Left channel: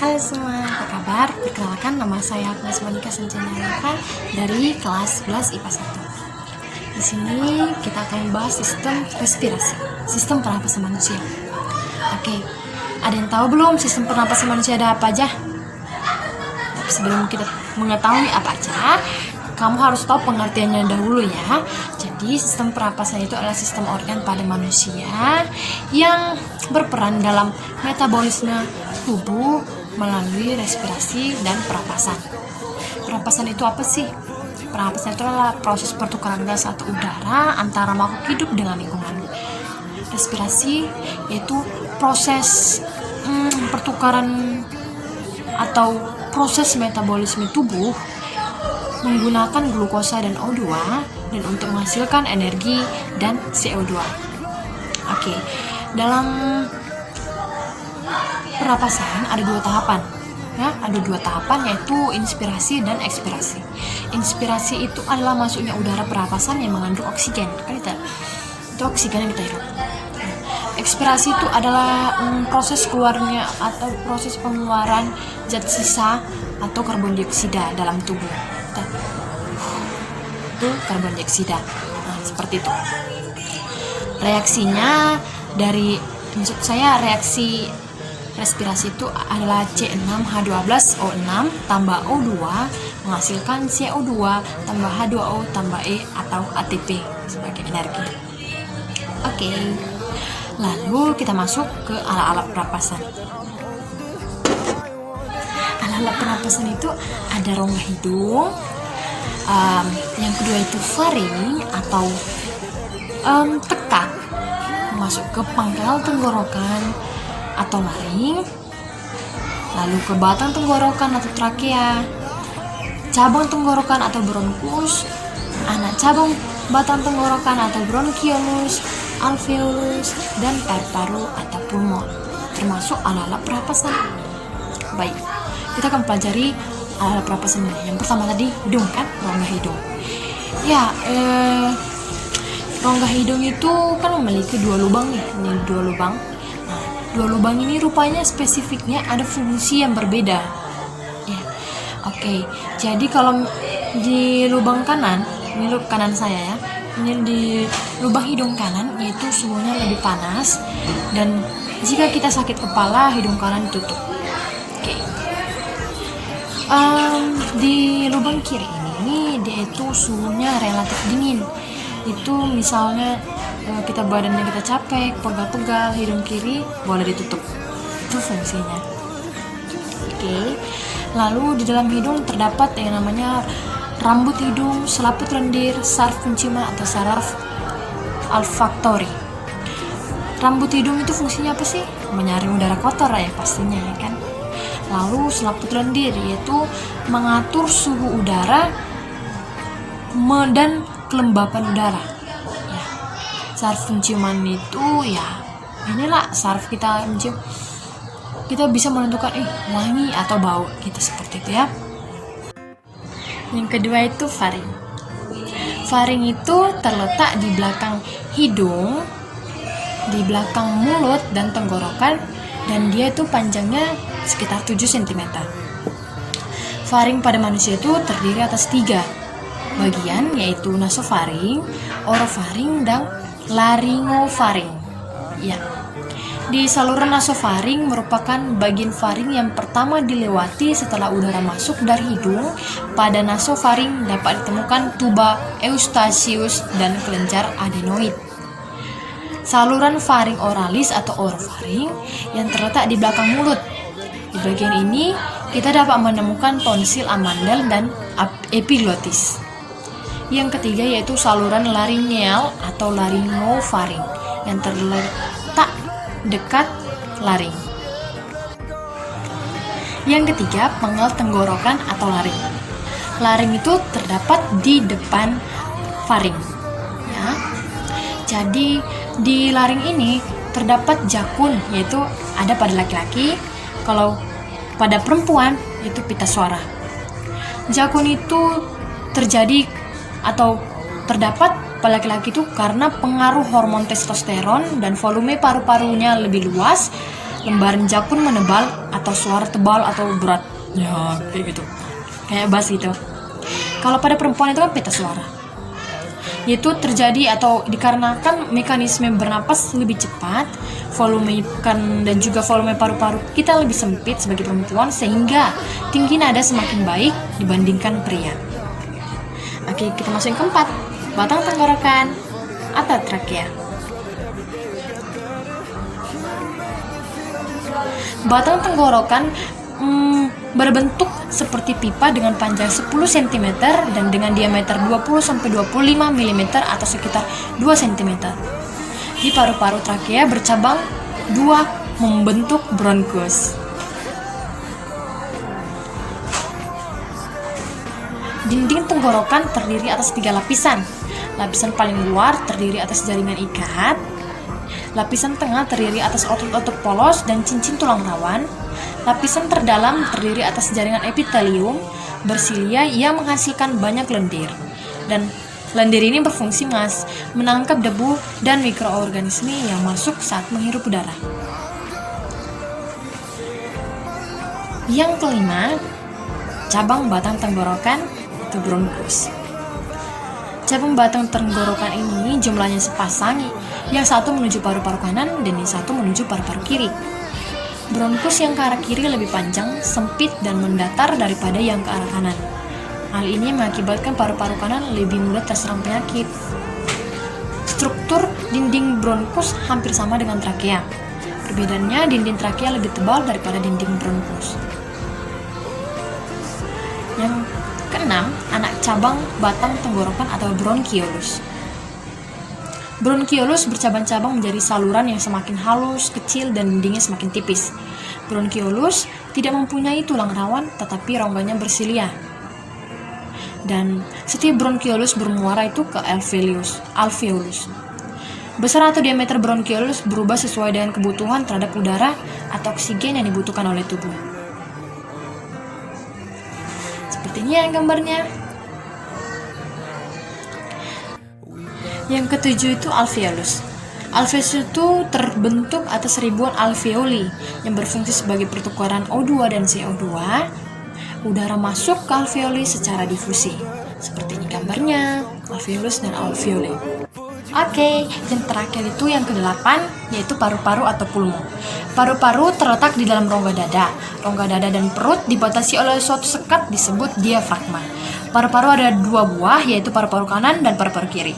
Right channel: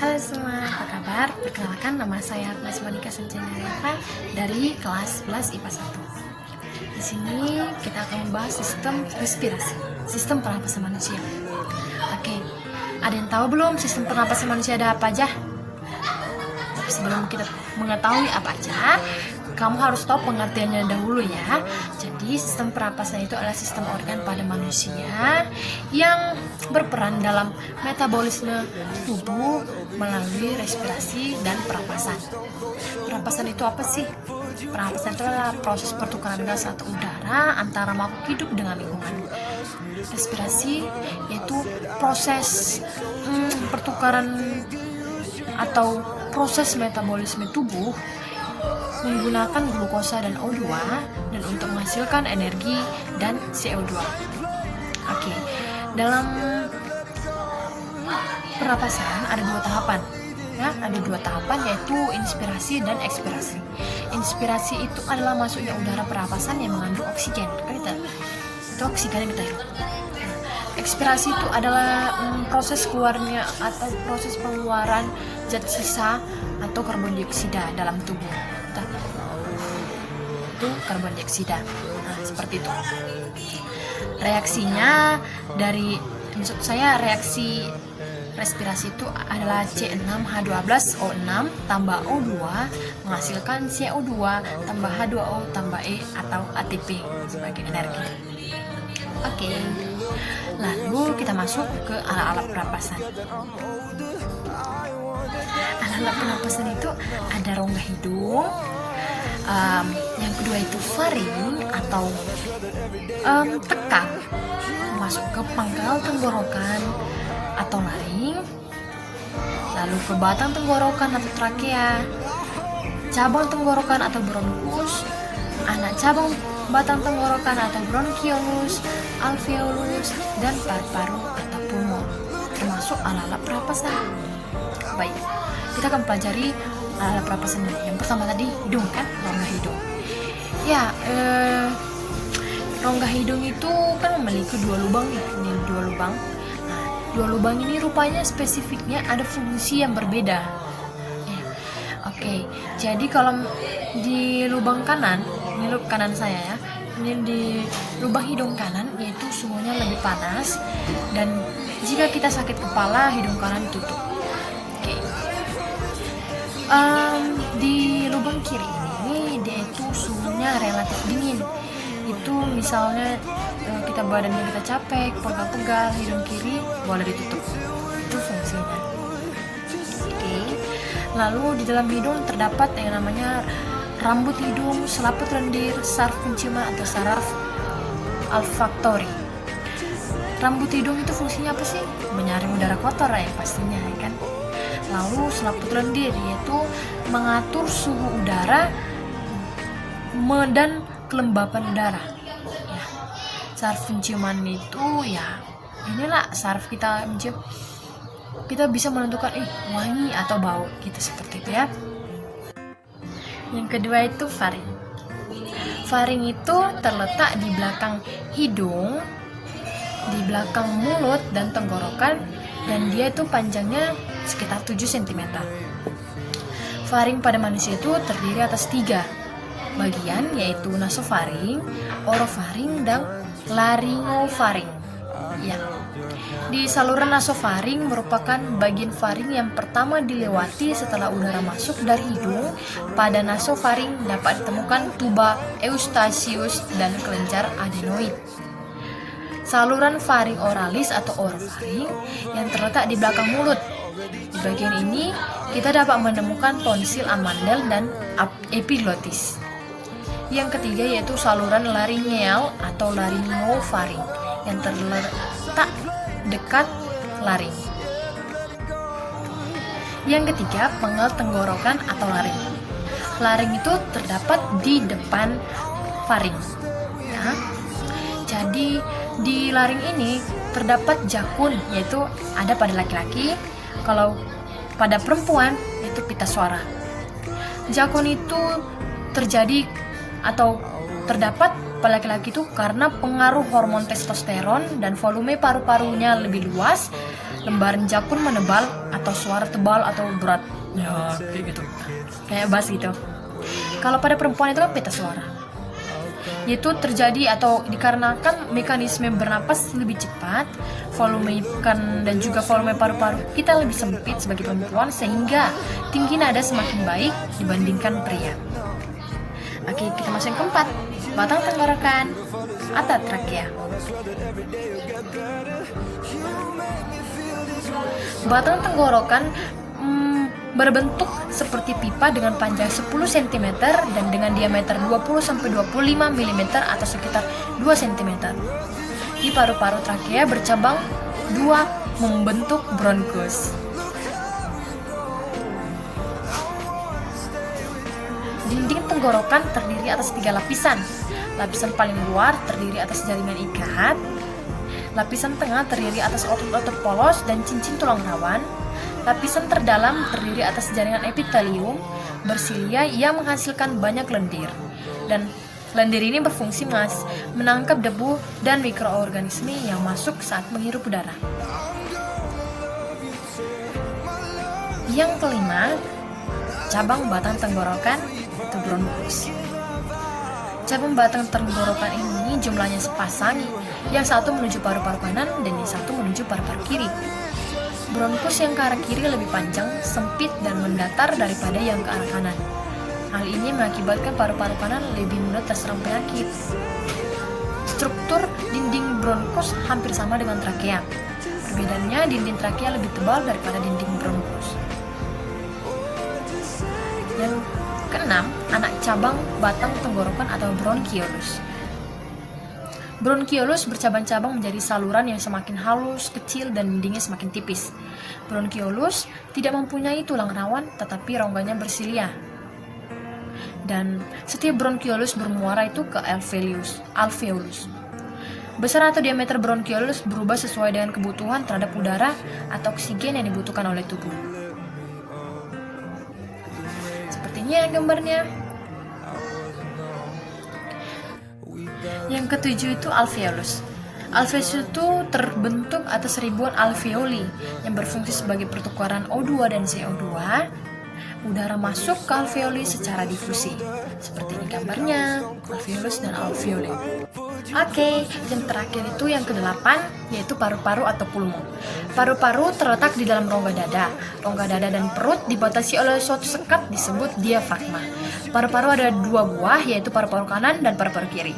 Halo semua, apa kabar? Perkenalkan, nama saya Agnes Monika Senjana dari kelas 11 IPA 1. Di sini kita akan membahas sistem respirasi, sistem pernapasan manusia. Oke, ada yang tahu belum sistem pernapasan manusia ada apa aja? Sebelum kita mengetahui apa aja, kamu harus tahu pengertiannya dahulu ya. Jadi sistem pernapasan itu adalah sistem organ pada manusia yang berperan dalam metabolisme tubuh melalui respirasi dan pernapasan. Pernapasan itu apa sih? Pernapasan itu adalah proses pertukaran gas atau udara antara makhluk hidup dengan lingkungan. Respirasi yaitu proses pertukaran atau proses metabolisme tubuh menggunakan glukosa dan O2 dan untuk menghasilkan energi dan CO2. Oke, dalam pernapasan ada dua tahapan. Ya, ada dua tahapan yaitu inspirasi dan ekspirasi. Inspirasi itu adalah masuknya udara pernapasan yang mengandung oksigen. Itu oksigen yang kita hirup. Ekspirasi itu adalah proses keluarnya atau proses pengeluaran zat sisa atau karbon dioksida dalam tubuh. Itu karbon dioksida. Seperti itu. Reaksinya reaksi respirasi itu adalah C6H12O6 tambah O2 menghasilkan CO2 tambah H2O tambah E atau ATP sebagai energi. Oke. Lalu kita masuk ke alat-alat pernapasan. Alat-alat pernapasan itu ada rongga hidung, yang kedua itu faring atau tekak masuk ke pangkal tenggorokan atau laring, lalu ke batang tenggorokan atau trakea, cabang tenggorokan atau bronkus, anak cabang batang tenggorokan atau bronkiolus, alveolus, dan paru-paru atau pulmon, termasuk alat-alat pernapasan. Baik, kita akan pelajari alat pernapasan ini. Yang pertama tadi hidung kan, rongga hidung. Ya, rongga hidung itu kan memiliki dua lubang nih, ini dua lubang. Nah, dua lubang ini rupanya spesifiknya ada fungsi yang berbeda. Ya, oke. Jadi kalau di lubang kanan, ini lubang kanan saya ya. Ini di lubang hidung kanan yaitu suhunya lebih panas dan jika kita sakit kepala hidung kanan tutup. Oke. Di lubang kiri ini dia itu suhunya relatif dingin. Itu misalnya kita badannya kita capek, pegal-pegal, hidung kiri boleh ditutup. Itu fungsinya. Oke. Lalu di dalam hidung terdapat yang namanya rambut hidung, selaput lendir, saraf penciuman atau saraf olfaktori. Rambut hidung itu fungsinya apa sih? Menyaring udara kotor ya pastinya kan. Lalu selaput lendir yaitu mengatur suhu udara dan kelembapan udara. Ya. Saraf penciuman itu ya inilah saraf kita mencium. Kita bisa menentukan wangi atau bau gitu seperti itu ya. Yang kedua itu faring. Faring itu terletak di belakang hidung, di belakang mulut dan tenggorokan, dan dia itu panjangnya sekitar 7 cm. Faring pada manusia itu terdiri atas 3 bagian, yaitu nasofaring, orofaring, dan laringofaring. Ya. Di saluran nasofaring merupakan bagian faring yang pertama dilewati setelah udara masuk dari hidung. Pada nasofaring dapat ditemukan tuba eustachius dan kelenjar adenoid. Saluran faring oralis atau orofaring yang terletak di belakang mulut. Di bagian ini kita dapat menemukan tonsil amandel dan epiglotis. Yang ketiga yaitu saluran laringeal atau laringofaring yang terletak dekat laring. Yang ketiga, penggal tenggorokan atau laring. Laring itu terdapat di depan faring. Ya. Jadi di laring ini terdapat jakun, yaitu ada pada laki-laki. Kalau pada perempuan itu pita suara. Jakun itu terjadi atau terdapat pada laki-laki itu karena pengaruh hormon testosteron dan volume paru-parunya lebih luas lembaran jak pun menebal atau suara tebal atau berat. Ya, kayak gitu. Kayak bass gitu. Kalau pada perempuan itu kan pita suara. Itu terjadi atau dikarenakan mekanisme bernapas lebih cepat, volume dan juga volume paru-paru kita lebih sempit sebagai perempuan, sehingga tinggi nada semakin baik dibandingkan pria. Oke, kita masuk yang keempat, batang tenggorokan atau trakea. Batang tenggorokan berbentuk seperti pipa dengan panjang 10 cm dan dengan diameter 20-25 mm atau sekitar 2 cm. Di paru-paru trakea bercabang 2 membentuk bronkus. Dinding tenggorokan terdiri atas 3 lapisan. Lapisan paling luar terdiri atas jaringan ikat. Lapisan tengah terdiri atas otot-otot polos dan cincin tulang rawan. Lapisan terdalam terdiri atas jaringan epitelium bersilia yang menghasilkan banyak lendir. Dan lendir ini berfungsi menangkap debu dan mikroorganisme yang masuk saat menghirup udara. Yang kelima, cabang batang tenggorokan atau bronkus. Cabang batang tenggorokan ini jumlahnya sepasang, yang satu menuju paru-paru kanan dan yang satu menuju paru-paru kiri. Bronkus yang ke arah kiri lebih panjang, sempit, dan mendatar daripada yang ke arah kanan. Hal ini mengakibatkan paru-paru kanan lebih mudah terserang penyakit. Struktur dinding bronkus hampir sama dengan trakea. Perbedaannya, dinding trakea lebih tebal daripada dinding bronkus. Yang keenam, anak cabang batang tenggorokan atau bronkiolus. Bronkiolus bercabang-cabang menjadi saluran yang semakin halus, kecil, dan dindingnya semakin tipis. Bronkiolus tidak mempunyai tulang rawan, tetapi rongganya bersilia. Dan setiap bronkiolus bermuara itu ke alveolus. Besar atau diameter bronkiolus berubah sesuai dengan kebutuhan terhadap udara atau oksigen yang dibutuhkan oleh tubuh. Sepertinya gambarnya. Yang ketujuh itu alveolus. Alveolus itu terbentuk atas ribuan alveoli yang berfungsi sebagai pertukaran O2 dan CO2. Udara masuk ke alveoli secara difusi. Seperti ini gambarnya, alveolus dan alveoli. Oke, yang terakhir itu yang kedelapan, yaitu paru-paru atau pulmo. Paru-paru terletak di dalam rongga dada. Rongga dada dan perut dibatasi oleh suatu sekat disebut diafragma. Paru-paru ada 2 buah, yaitu paru-paru kanan dan paru-paru kiri.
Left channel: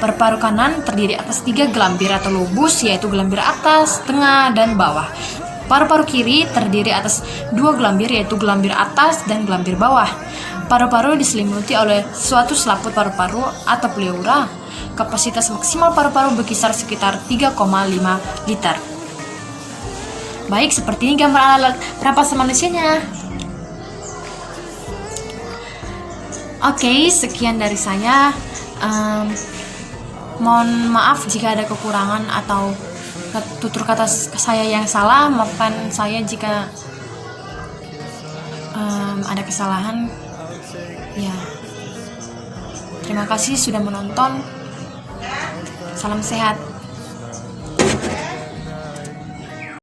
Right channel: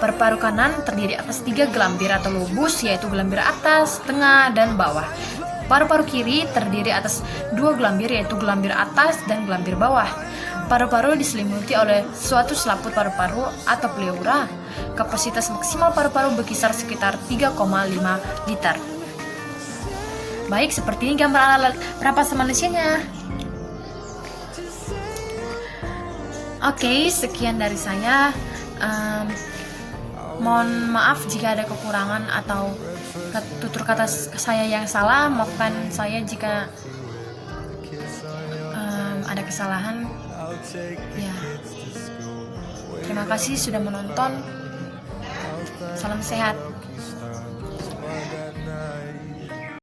Paru-paru kanan terdiri atas 3 gelambir atau lobus, yaitu gelambir atas, tengah, dan bawah. Paru-paru kiri terdiri atas 2 gelambir, yaitu gelambir atas dan gelambir bawah. Paru-paru diselimuti oleh suatu selaput paru-paru atau pleura. Kapasitas maksimal paru-paru berkisar sekitar 3,5 liter. Baik, seperti ini gambar alat pernapasan manusianya. Oke, sekian dari saya. Mohon maaf jika ada kekurangan atau tutur kata saya yang salah. Maafkan saya jika ada kesalahan. Ya, terima kasih sudah menonton. Salam sehat.